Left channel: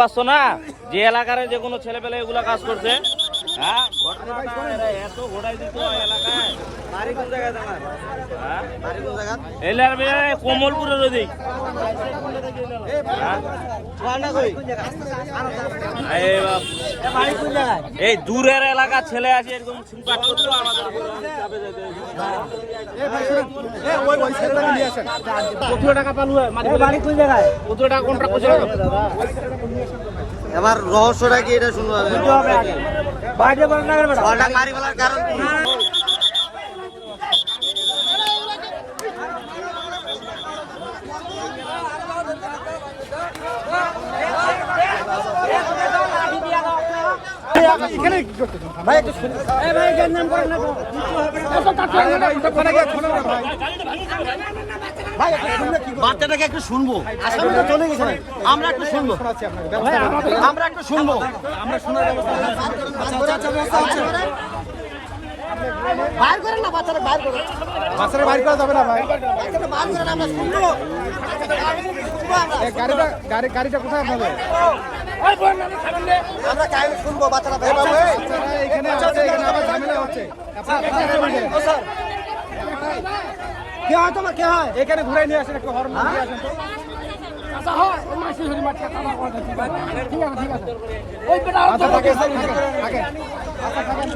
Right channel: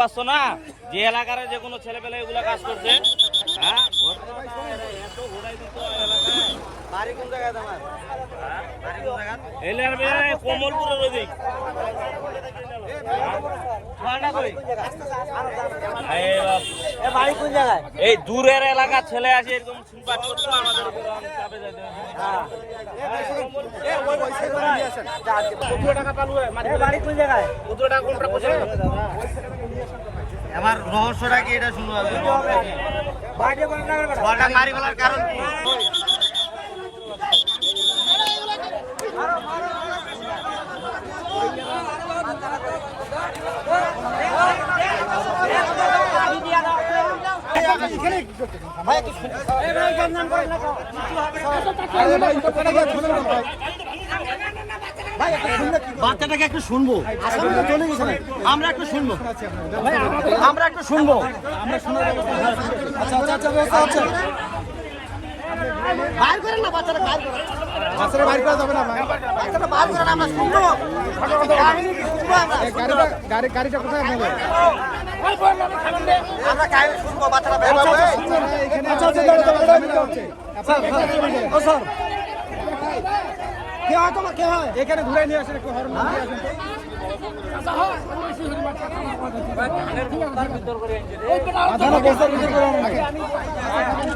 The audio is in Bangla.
পারছো না যে এলাকার যে কোনো ছেলে পেলে এগুলো কাজ করছে। হ্যাঁ ঘটনাটা এত ঘোড়াই দিত এলাকায়। বাড়ি কোন জায়গায় তোমার? হ্যাঁ বাড়ি কোন জায়গা? এলার কমলপুরের ওদিক। এই দূরের এলাকার ছেলে আছে এরকম চিন্তা করতো আমাদের উপরে চাপে যেতে। বাড়ি কোন জায়গায়? এবার রহস্যটা কি এটা শুনবো আমি। বাড়িতে বড় না বলটা মারি ফেলার কারণ কি? এখানে কি করতেছেন? বাচ্চাটাকে একটু শুনবো, চলে গেছে আমরা একটু শুনবো, আমরা একটু শুনবো, আমরা শোনার ব্যবস্থা আচ্ছা ব্যবস্থা আছে। বাইর করেন না বাচ্চাটা, বাইর করেন, বাচ্চারা বাইর করা যাবে না ভাই। বাচ্চাটা বাইর করেন, আমরা শুনবো। গাড়িটা কোথায় আপনাদের? আমরা কাহিনী শুনবো, বাচ্চাটা বাইর করবে। বাচ্চারা এখানে আছে, এখানে আবার ঝামেলা হচ্ছে। আপনারা কোথায় চলে গেলেন? কে হয় তোমার, কে হয়? এখানে ঘুরে নিয়ে আসেন, একটু হর্ন দিয়ে আসেন তো। আচ্ছা, থাকেন, থাকেন, থাকেন। আচ্ছা, থাকেন।